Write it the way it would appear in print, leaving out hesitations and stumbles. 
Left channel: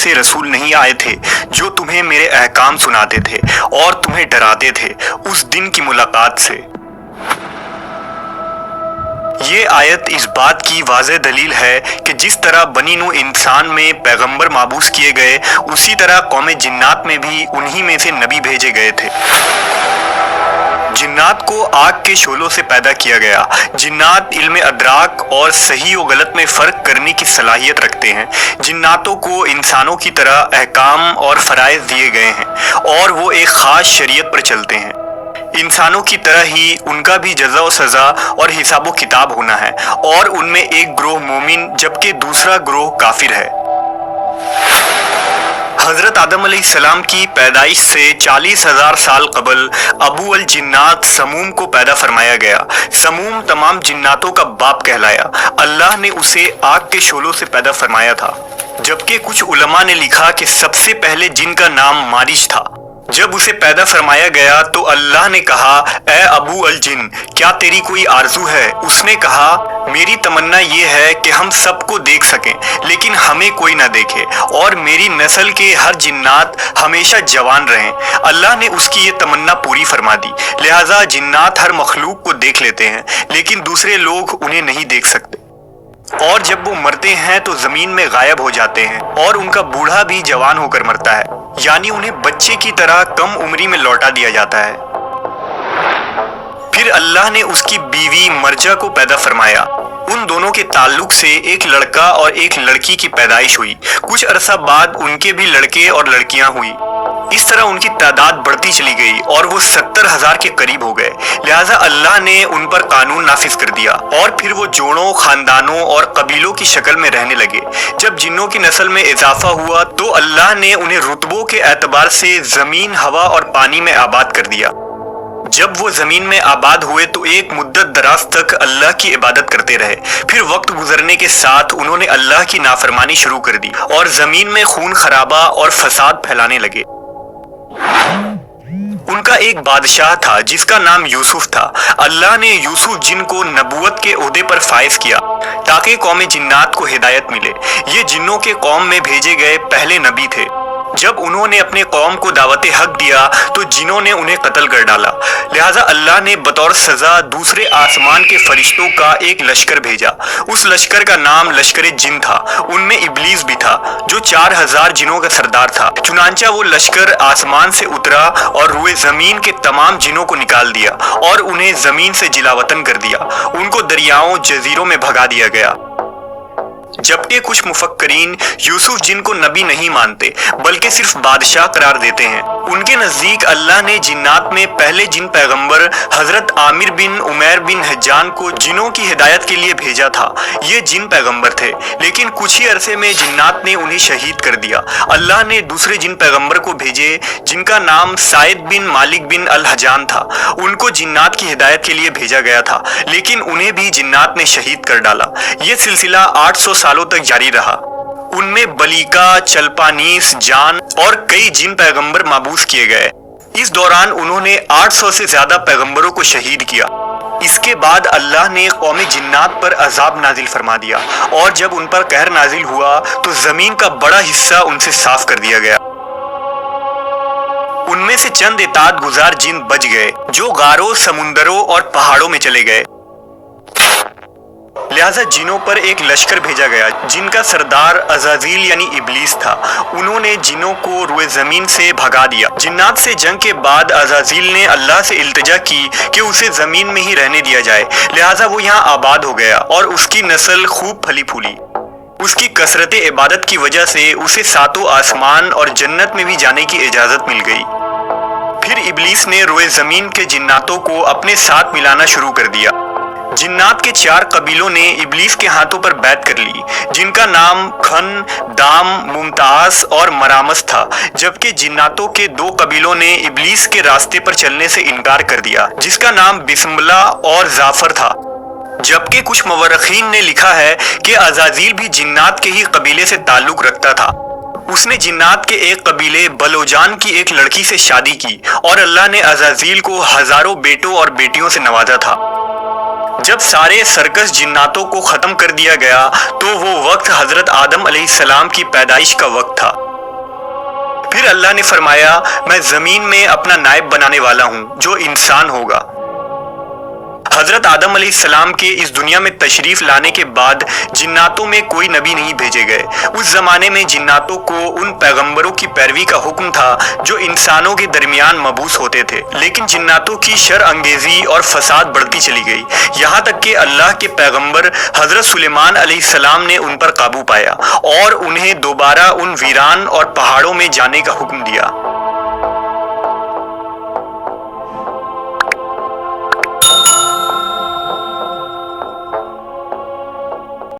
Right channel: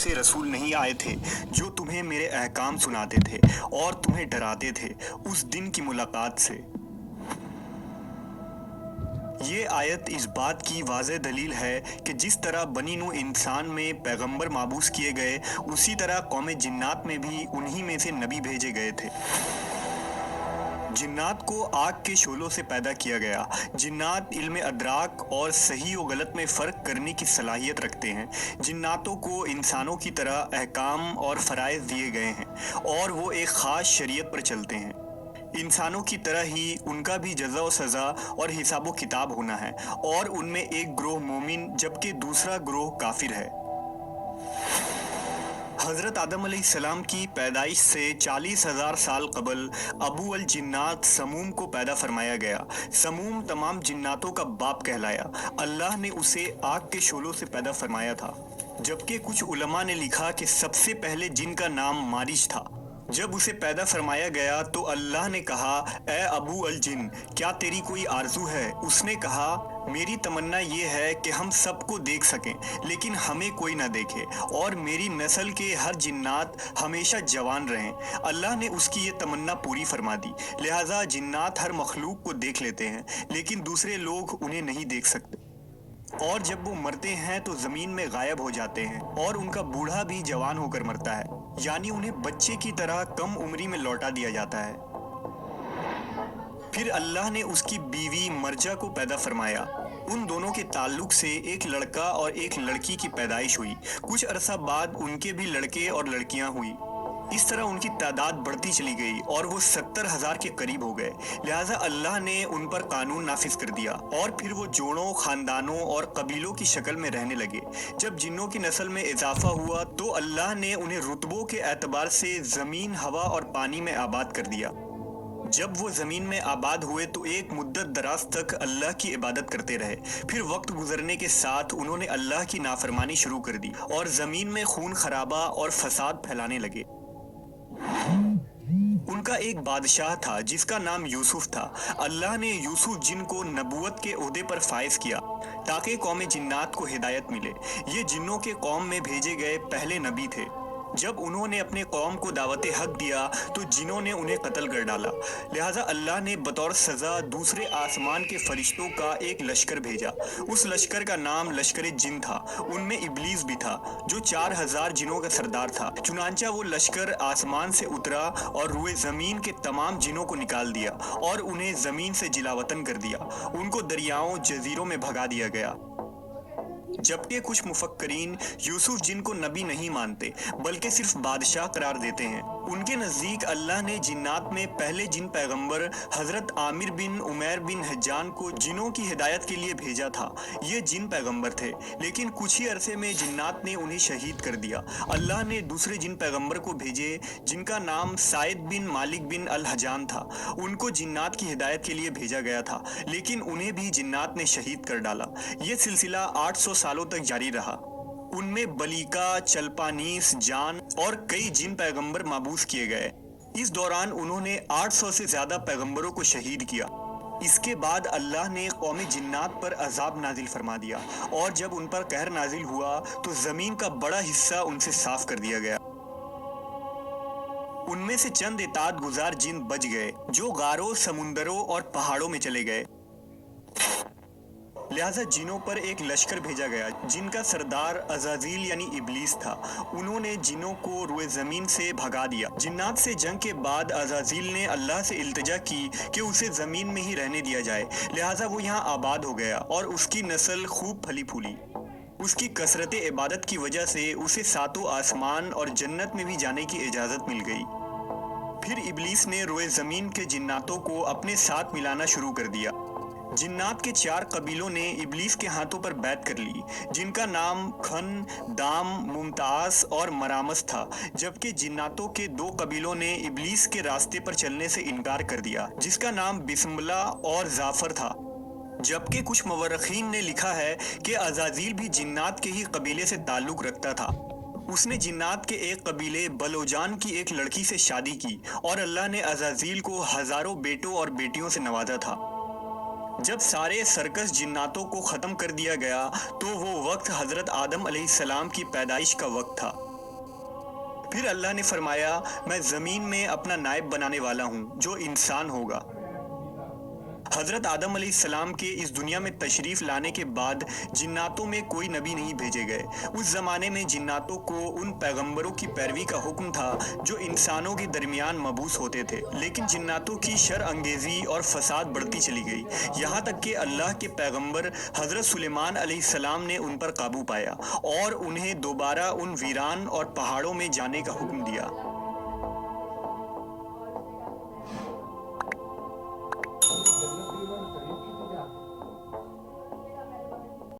से रसूल नहीं आए थे जो तुम्हें मेरे अहकाम सुनाते थे और तुम्हें डराते थे उस दिन की मुलाकात से। ये आयत इस बात की वाज़ेह दलील है कि जिस तरह बनी नूह इंसान में पैगंबर माबूस किए गए, उसी तरह कौम जिन्नात में भी उन्हीं में से नबी भेजे गए थे। जिन्नात को आग के शोलों से पैदा किया गया। जिन्नात इल्म अदराक और सही और गलत में फ़र्क करने की सलाहियत रखते हैं। जिन्नातों को इंसानों की तरह अहकाम और फ़राइज़ दिए गए हैं और वो एक ख़ास शरीयत पर चलते हैं। इंसानों की तरह ही उनका भी जज़ा व सज़ा और हिसाब किताब होना है और उनमें एक ग्रोह मोमिन जबकि दूसरा ग्रोह काफिर है। हज़रत आदम अलैहिस्सलाम की पैदाइश से 40,000 साल कबल अबू अल जिन्नात समूम को पैदा फरमाया गया। समूम तमाम जिन्नातों का बाप कहलाया। अल्लाह ने उसे आग के शोलों से पैदा फरमाया था, जबकि कुछ उलमा ने लिखा कि सबसे पहले जिन का नाम मारिश था। जब उसे पैदा फरमाया गया तो अल्लाह ने कहा, ए अबू अल जिन, क्या तेरी कोई आरजू है? उसने कहा, मेरी तमन्ना ये है कि हम सबको देख सकें लेकिन हमें कोई ना देखे और मेरी नस्ल के हर जिन्नात हमेशा जवान रहें। अल्लाह ने उसकी ये तमन्ना पूरी फरमा दी। लिहाजा जिन्नात हर मखलूक को देख लेते हैं लेकिन दूसरे लोग उन्हें नहीं देख सकते, और जब वो मरते हैं तो जमीन में गायब हो जाते हैं और उनका बूढ़ा भी जवान होकर मरता है, यानी उन्हें बच्चे की तरह कम उम्री में लौटा दिया जाता है। फिर अल्लाह ने उसकी बीवी मर्जा को पैदा फरमाया। उन दोनों के ताल्लुक से एक लड़का और एक लड़की की पैदाइश हुई। कुछ अरसा बाद उनके भी लड़के और लड़कियां हुई। इस तरह उनकी तादाद बढ़ती चली गई और वो 70,000 के करीब हो गए। लिहाजा अल्लाह ने उन पर कानून नाफिज कर दिया और फिर वो जोड़ों, खानदानों और कबीलों की शक्ल में रहने लगे। जब जिन्नों की नस्ल में इजाफा हुआ तो अल्लाह ने उन्हें रुतबों के एतबार से जमीन, हवा और पानी में आबाद कर दिया। जब वो जमीन में आबाद हुए तो एक मुद्दत दराज तक अल्लाह की इबादत करते रहे। फिर वक्त गुजरने के साथ उन्होंने अल्लाह की नाफरमानी शुरू कर दी और जमीन में खून खराबा और फसाद फैलाने लगे। उनका एक बादशाह था जिसका नाम यूसुफ था। अल्लाह ने यूसुफ जिन को नबूवत के ओहदे पर फाइज किया ताकि कौम जिन्नात को हिदायत मिले। ये जिन्नों के कौम में भेजे गए पहले नबी थे। जब उन्होंने अपने कौम को दावत हक दिया तो जिन्हों ने उन्हें कत्ल कर डाला। लिहाजा अल्लाह ने बतौर सजा दूसरे आसमान के फरिश्तों का एक लश्कर भेजा। उस लश्कर का नाम लश्कर जिन था। उनमें इब्लीस भी था जो 4,000 जिनों का सरदार था। चुनांचा वो लश्कर आसमान से उतरा और रुए जमीन के तमाम जिनों को निकाल दिया और उन्हें जमीन से जिलावतन कर दिया। उनको दरियाओं, जजीरों में भगा दिया गया। जबकि कुछ मुफक्करीन यूसुफ जिन को नबी नहीं मानते बल्कि सिर्फ बादशाह करार देते हैं। उनके नजदीक अल्लाह ने जिन्नात में पहले जिन पैगंबर हजरत आमिर बिन उमैर बिन हज्जान को जिनों की हिदायत के लिए भेजा था। ये जिन पैगंबर थे लेकिन कुछ ही अरसे में जिन्नात ने उन्हें शहीद कर दिया। अल्लाह ने दूसरे जिन पैगंबर को भेजे जिनका नाम साइद बिन मालिक बिन अल हजान था। उनको जिन्नात की हिदायत के लिए भेजा गया था लेकिन उन्हें भी जिन्नात ने शहीद कर डाला। ये सिलसिला 800 सालों तक जारी रहा। उनमें बलीका, चलपानीस, जान और कई जिन पैगंबर माबूस किए गए। इस दौरान उन्होंने 800 से ज्यादा पैगंबरों को शहीद किया। इसके बाद अल्लाह ने कौम जिन्नात पर अजाब नाजिल फरमा दिया और जब उन पर कहर नाजिल हुआ तो जमीन का बड़ा हिस्सा उनसे साफ कर दिया गया। उनमें से चंद इताअत गुजार जिन बच गए जो गारों, समुंदरों और पहाड़ों में चले गए। लिहाजा जिनों पर एक लश्कर भेजा गया जिनका सरदार अज़ाज़ील यानी इब्लीस था। उन्होंने जिनों को रुए जमीन से भगा दिया। जिन्नात से जंग के बाद अज़ाज़ील ने अल्लाह से इल्तिजा की कि उसे जमीन में ही रहने दिया जाए। लिहाजा वो यहाँ आबाद हो गया और उसकी नस्ल खूब फली फूली। उसकी कसरत इबादत की वजह से उसे सातों आसमान और जन्नत में भी जाने की इजाजत मिल गई। फिर इब्लीस ने रुए जमीन के जिन्नातों को अपने साथ मिलाना शुरू कर दिया। जिन्नात के 4 कबीलों ने इब्लीस के हाथों पर बैत कर ली जिनका नाम खन, दाम, मुमताज और मरामस था। जबकि जिन्नातों के 2 कबीलों ने इब्लीस के रास्ते पर चलने से इनकार कर दिया जिसका नाम बिस्मिल्लाह और जाफर था। जबकि कुछ मवर्रखीन ने लिखा है कि अज़ाज़ील भी जिन्नात के ही कबीले से ताल्लुक रखता था। उसने जिन्नात के एक कबीले बलोजान की एक लड़की से शादी की और अल्लाह ने अज़ाज़ील को हजारों बेटों और बेटियों से नवाजा था। जब सारे सर्कस जिन्नातों को खत्म कर दिया गया तो वो वक्त हजरत आदम अलैहिस्सलाम की पैदाइश का वक्त था। پھر اللہ نے فرمایا میں زمین میں اپنا نائب بنانے والا ہوں جو انسان ہوگا۔ حضرت آدم علیہ السلام کے اس دنیا میں تشریف لانے کے بعد جناتوں میں کوئی نبی نہیں بھیجے گئے۔ اس زمانے میں جناتوں کو ان پیغمبروں کی پیروی کا حکم تھا جو انسانوں کے درمیان مبعوث ہوتے تھے، لیکن جناتوں کی شر انگیزی اور فساد بڑھتی چلی گئی، یہاں تک کہ اللہ کے پیغمبر حضرت سلیمان علیہ السلام نے ان پر قابو پایا اور انہیں دوبارہ ان ویران اور پہاڑوں میں جانے کا حکم دیا۔